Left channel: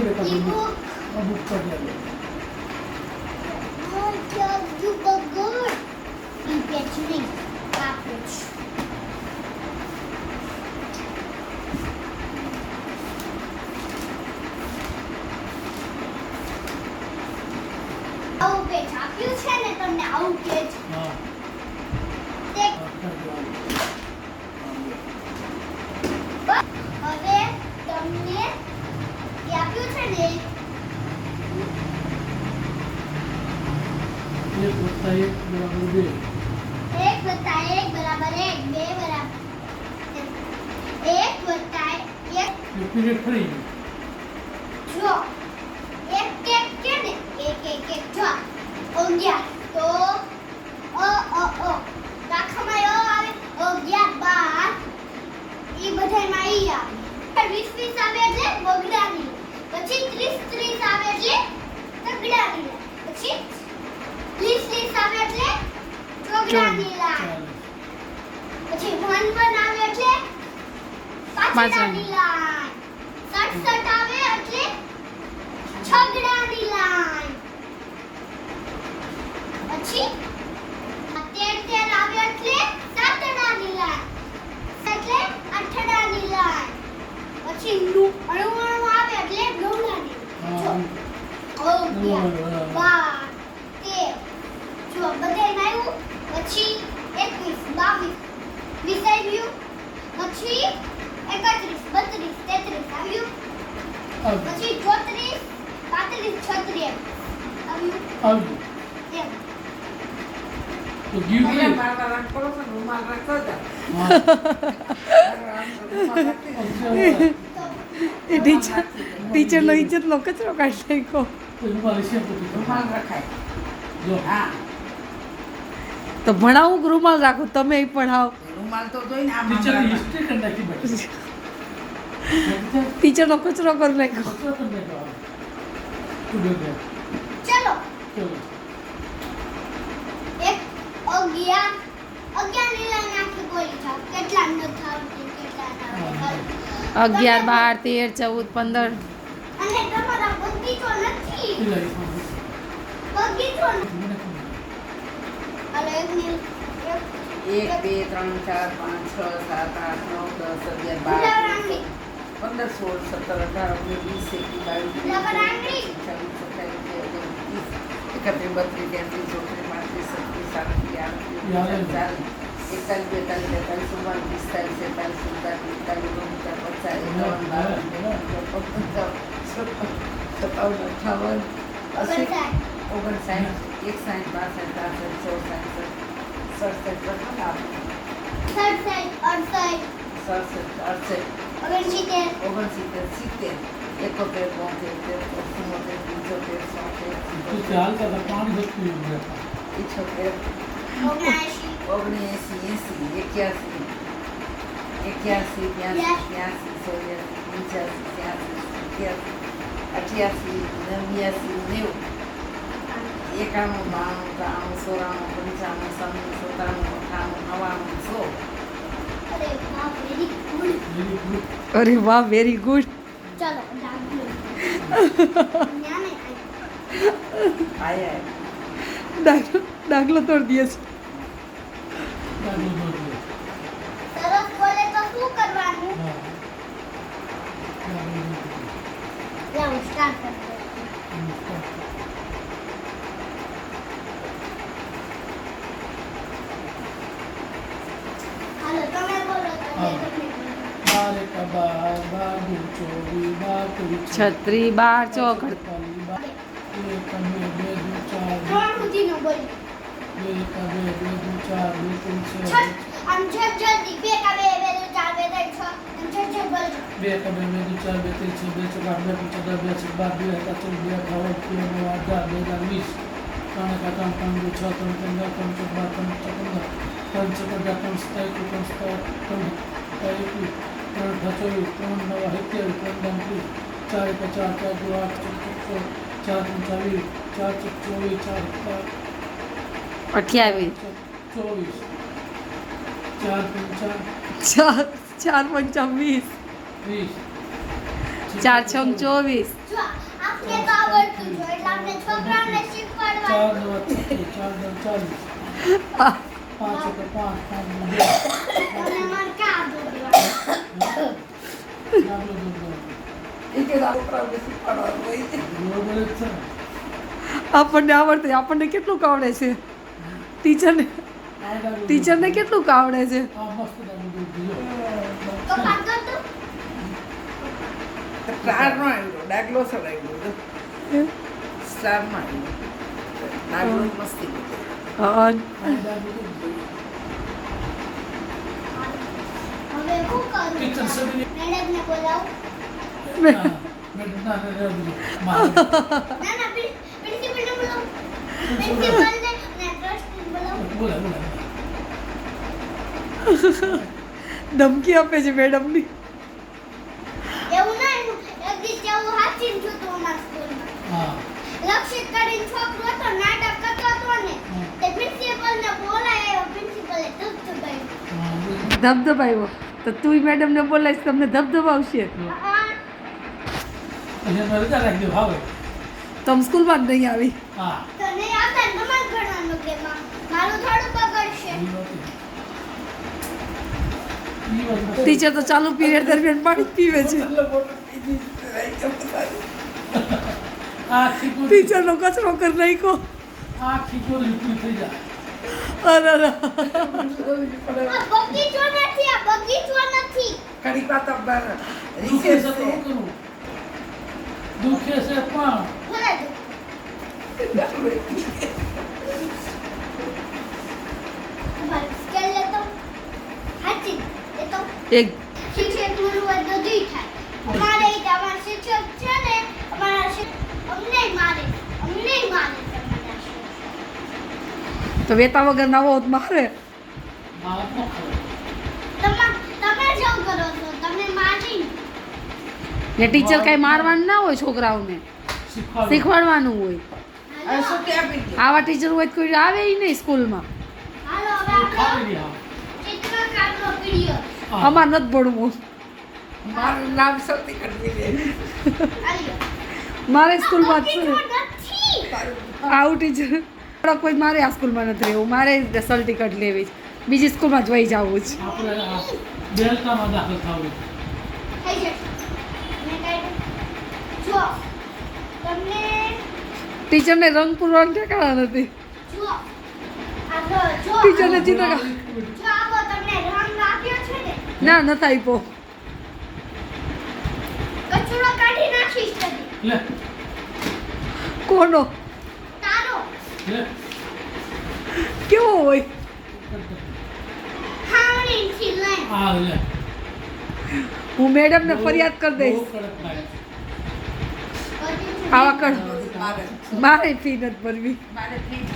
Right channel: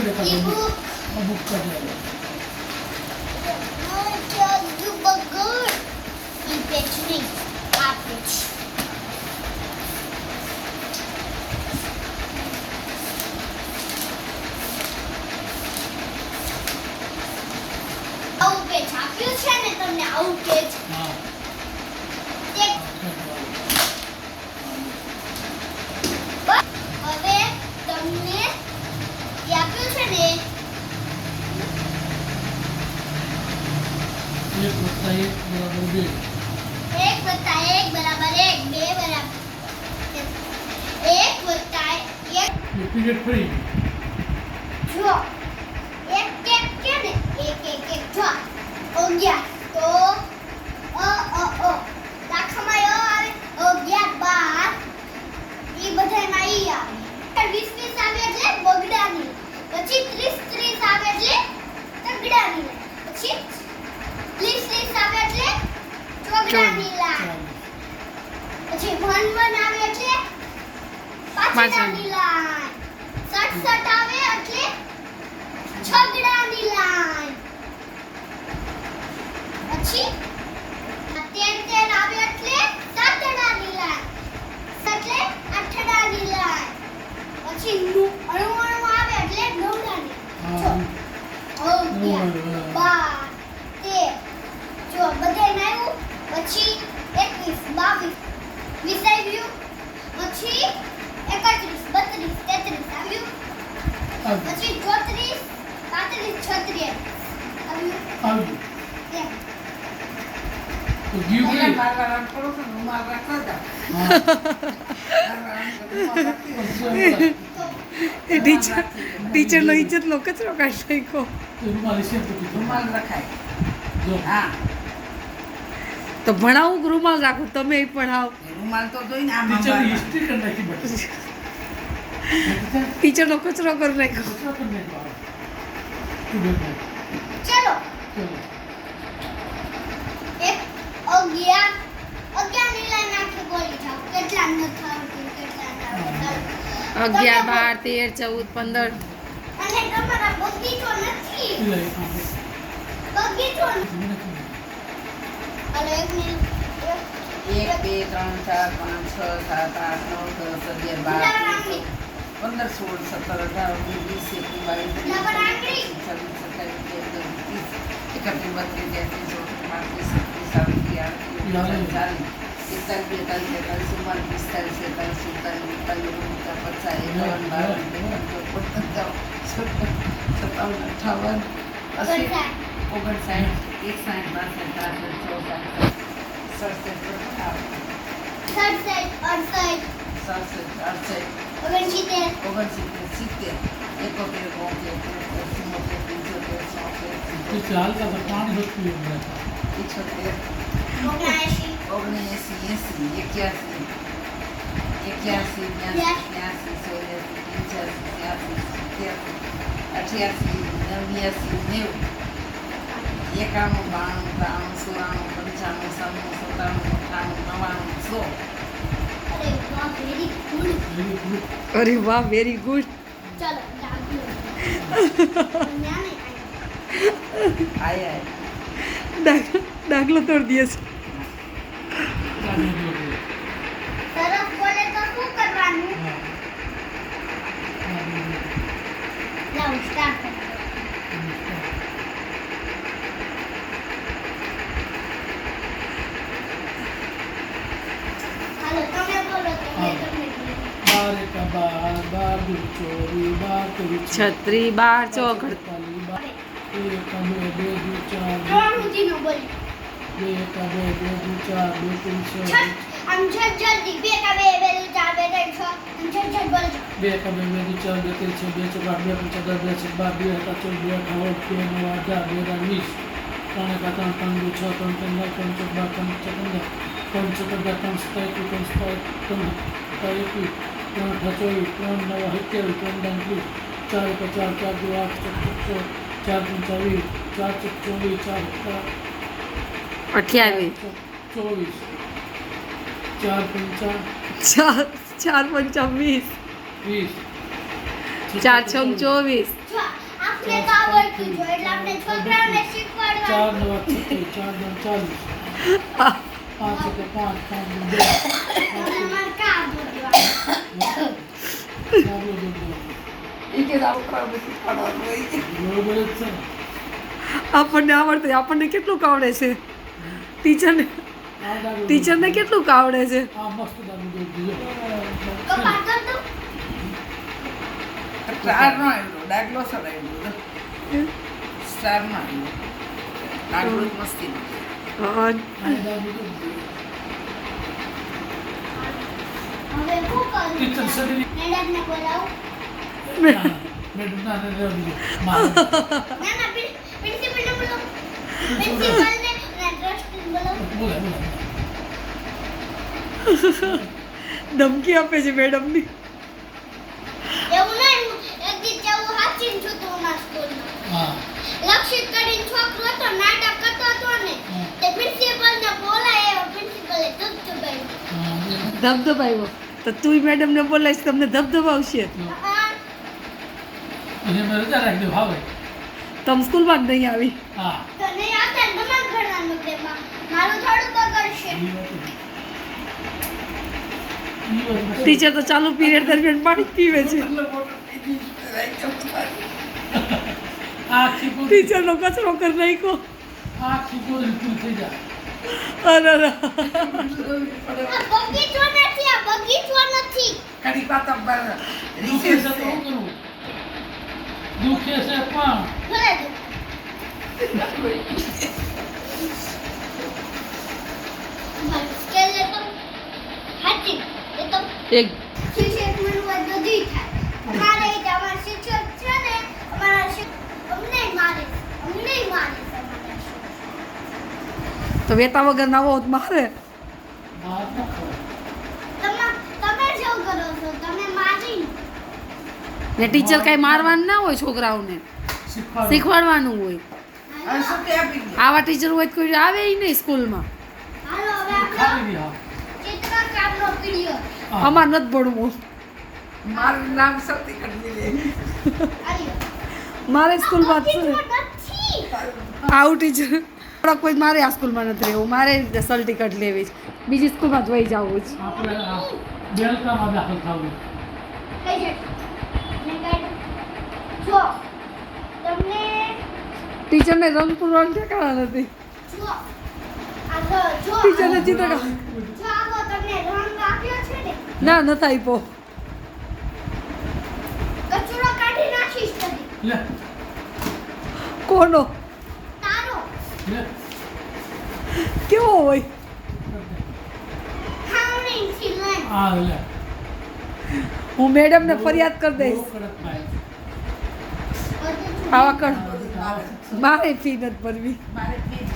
પકડે ઈ કાઢો બુક આ બુક કાઢે જગ બગડ ઈ પેચરી આ પેચ આવું પેચ આપ્યું છે ને તમને આવું પેચ હા તે હવે તમને જે આપ્યું છે ને 1 + 1 = 2 1 + 1 બરાબર 1 2 બરાબર 1 + 1 એ પીરિયડ ફરી જો એક કે ને એક જો 11 તો દાખલામાં આવે 11 12 ઈ બધાયમાં ઈ આવે 20 આવે એટલે બગડાની પછી 30 આવે એટલે તગડાની પછી 30 આવે એટલે ચોગડાની લાઈન પછી 1 આવે એટલે પાછળની લાઈન 67 આવે એટલે છગડાની લાઈન પછી 13 આવે એટલે સાતડાની લાઈન એટલે આઠડાની લાઈન પછી 99 આવે એટલે નવડાની હા જો 11 12 જો બધાય આવ્યું પછી 21 22 20 આવ્યું પછી 31 32 33 આવ્યું પછી 34 35 36 આવ્યું આવી એમ તો ગયું પહેલા ગયું મારવા પડો તો રૂમાલ રાખતા હતા. ટીચરનો ઇજ્જતનો કચરો કાઢી નાખ્યો. રૂમાલ છે તો રૂમાલ રખાય. જો હા તો ભણાવું કે રૂમાલ રાખું તમે પણ આવ રૂમાલ તો જોઈને આમ ટીચરની મારવા. હિસ્ટ્રી કરી નાખી બધી ટીચરનો કચરો કરી નાખ્યો. કચરો કરી નાખ્યો તું બેઠા ચલો ચલો એક 11 ની લાઈન નાખી બોલી જાઓ કેટલા ન થાવતી કેટલા ના આવે 11 12 13 14 15 અને તમારા બગીચો નથી પેલા બગીચો નથી. અલે એક મિનિટ 1 2 3 4 5 6 7 8 9 10 11 12 13 14 15 16 17 18 તું ચાલતા હતા પાણી જતું રહેતા 91 અરે વાહ અરે વાહ વેરી ગુડ વેરી ગુડ. ચલો ડાગલો ન્યાને આયા દાખલો તોડી દે છે. તરફ બોલે તો શું કરવાનું લાવ સ્ટાર્ટ કરો હાલો તમે બોલો તો હા. તમને 12 કા 12 12 24 12 છત્રી 12 ચોકડ 1 કા 2 4 ત્રણ સુધીનું બોલ 2 કા 2 2 4 2 3 6 આમ જલ્દી 2 કા 2 2 4 2 3 6 આમ જલ્દી બોલ 2 કા 2 2 4 2 3 6 2 4 2 5 10 2 6 12 2 7 14 2 18 2 9 18 3 કા 3 5 6 3 3 9 3 4 12 3 14 3 3 4 28 4 5 20 4 6 24 જો અમને તો આવડતું જ હોય એટલે આપણે છોકરાઓને શીખવાડવાનું. 4 નવા 36, 4 દમ 40. 5 એટલે 5, 5 2. અને મને કાં બોલવાનું. ડાબલો દોડવાનો. એ કે છોકરાઓને શીખવાડવાનું હોય છે. બરોબર જ છે ને. આપણને આવડતું આપણને કેટલું આવડે છે ટીચરને આ ડાબલો ટીચરને દોડવાનો. કેટલું આવડે છે આ મસ્ત ડાબલો દોડી દીધો. કપાળ કર દો. સ્ટારમાં આવ્યો ડાગલો ચડાવ્યો સ્ટારમાં આવ્યો ડાગલો મસ્તી નથી. હા આ ડાબલો દોડી દીધો. હવે શું કરું? ટીચર સડીને મેડમને બોલાવું. ના, મેડમ ના રહેવા દીધો. મારે ના ના પ્રિન્સિપલને બોલાવું. પ્રિન્સિપલને અને ટ્રસ્ટીને બોલાવું. બોલાય બોલાય. ધમકી આપે છે મેડમની એવું નહીં હું એક દી જેવું હાચીને જોતું અમારા સ્કૂલમાં. હા લક્ષિત કરીને છોકરો હતો નાટક કરતો હતો ને તે પ્રિન્સિપલને બોલાય પ્રિન્સિપલે ધબધબાઈ. હા બોલાય. ધબધબાવ્યો તો તું મેડમને બોલાવીશ તમને ધબધબાવશે એને મેં રજા રાખી દઉં હવે. તમે સ્કૂલમાં જ નહીં આવી હા તો નહીં આવતા ને તમારે ભણવાનું તેમાં મારું થોડું બગડશે. ઈ વાત છે. ઈ વાત છે. ટીચર તો ચાલુ પીરિયડ દરમિયાન પાણી જ પીવે છે આખી પૂરી ટીચરનો કચરો કરી નાખ્યો આખી પૂરી પૂરી થઈ જાય. અરે અરે આ બગીચો નથી આ બગીચો નથી. કડી પાતા બાર દુખે છે રિસેસ તો શું કરું? દુખે છે પણ ભલે દો. મારું સ્કેલ લેતો હાચી એ તો એક શિક્ષક મળવા બધું થાય. મારે અમારા શિક્ષક છે ને અમારા અમને મારે તમારા શિક્ષક. તો વેતા વગર ના હોત મારે માર ન ખબર. તમે શું કરો છો તમે મારી ને ટીચર કઈ મારવાનું ના હોય છોકરાઓને શીખવાડો. શીખવાડવાનું હોય હવે સુટી આપી દે આવા ટીચર હોય તો કોઈ આવે ય નહીં સ્કૂલમાં હાલો હવે ખાલી આપણો રહ્યા. ચિત્રકામનો પીરિયડ હા. અમાર નથી ભણવું મારું નામ સૌથી કરી દે આલ્યો. મારે સ્કૂલમાં જ બગીચો છે નથી. આવું ટીચર કોઈ મારે આ સ્કૂલમાં નથી રહેવું મારે સલ ટિકટ લેવી છે બીજી સ્કૂલમાં જ વહી જવું છે આપણે આ બેલકામાં દાખલ થવું. થઈ જશે. મેં કાઢ્યું. જો તમને ટીચરને રંગ પૂરવાનું ઠેકાણા નથી જો આ જો ટીચરને ચિત્ર જો આવો તમને રંગ આપ્યો છે ને ના નથી આપ્યો કચરો કાઢી નાખીશ તને. લે કોનો તારો લે કેવો હોય ખાણીથી લઈને આ લે હું મેડમને ફરિયાદ કરી બહુ દઈશ કડક થાય. આવા કર મારે ફી નથી ભરવી મારે ફી દે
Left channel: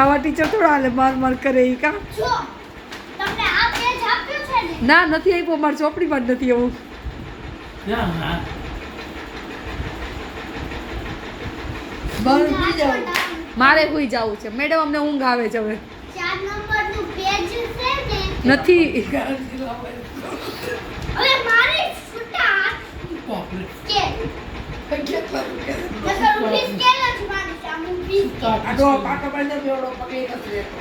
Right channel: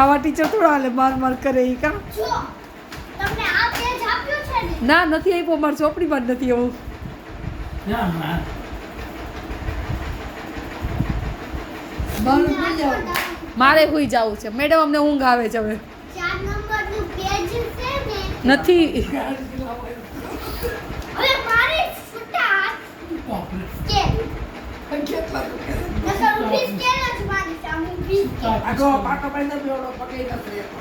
આવા ટીચર થોડા હાલે માર માર કરે ઈ કા જો તમને આ પેજ આપ્યું છે ને ના નથી આપ્યો મારી ચોપડીમાં જ નથી એવું ક્યાં ના બંધ થઈ જાવ મારે હોઈ જવું છે મેડમ અમને ઊંઘ આવે છે હવે 4 નંબરનું પેજ છે ને નથી હવે મારે છૂટા બાપરે. કે કેટલા રૂપિયા નકર ઊભી સ્કેલ જ મારી સામે ઊભી આટલો પાટો બાંધો બેવડો પગે નથી લેતો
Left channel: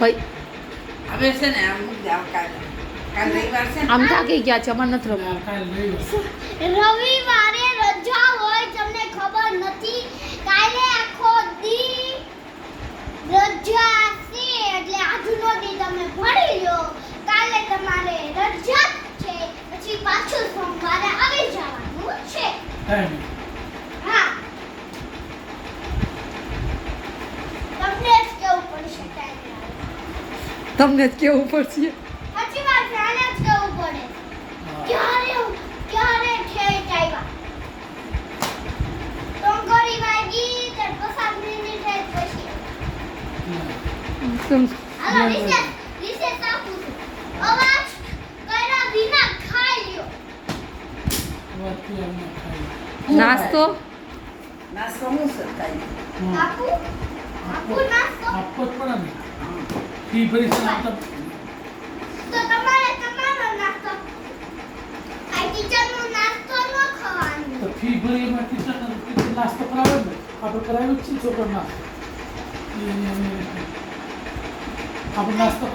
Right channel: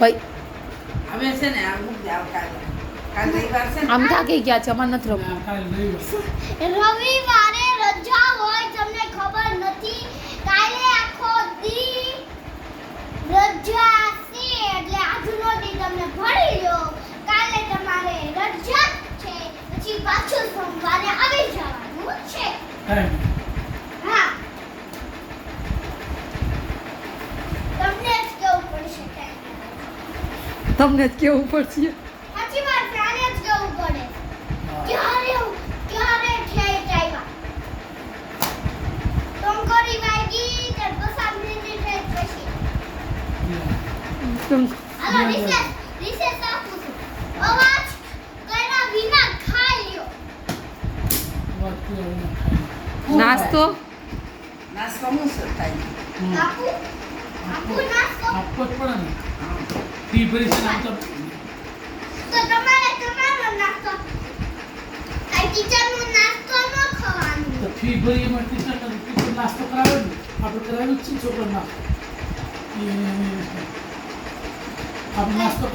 ભાઈ હવે છે ને આમ જાવ કાલે રવિવાર છે ને આમ થાકી ગયા છે અમારે નથી રમવું આ કાંઈ લઈ લો. રવિવારે રજા હોય તમને ખબર નથી કાલે આખો દી રજા છે એટલે આજનો દી તમે ભણી લો કાલે તમારે રજા છે પછી પાછું સોમવારે આવી જવાનું છે ટાઈમ. હા તમને જ કેવું પડશે કાલે તમને જ કેવું પડશે પછી વાર પ્રાણે જ કેવું પડે હા. ક્યારે ઠેઠ આવ્યા ટોંકરી વાગી તે 5 મિનિટ પછી હાલો રિસેસ આપું છું અવાજ કર્યા વિના ખાઈ લ્યો વાત પીવાનું ખાઈ. નાસ્તો નાસ્તો હું સતાઈ હમ. આપું નાસ્તો આપવો જ પડે ને. ફી ભરી છે ને આમ તો તો તમારે તમારો નાસ્તો આ ટીચરનો નાસ્તો ન પેટ ભરી એમાં ટીચર નાસ્તો કરાવ્યો ને આપણે કરાવ્યું જ છે છોકરો નાસ્તો આપણે નાસ્તો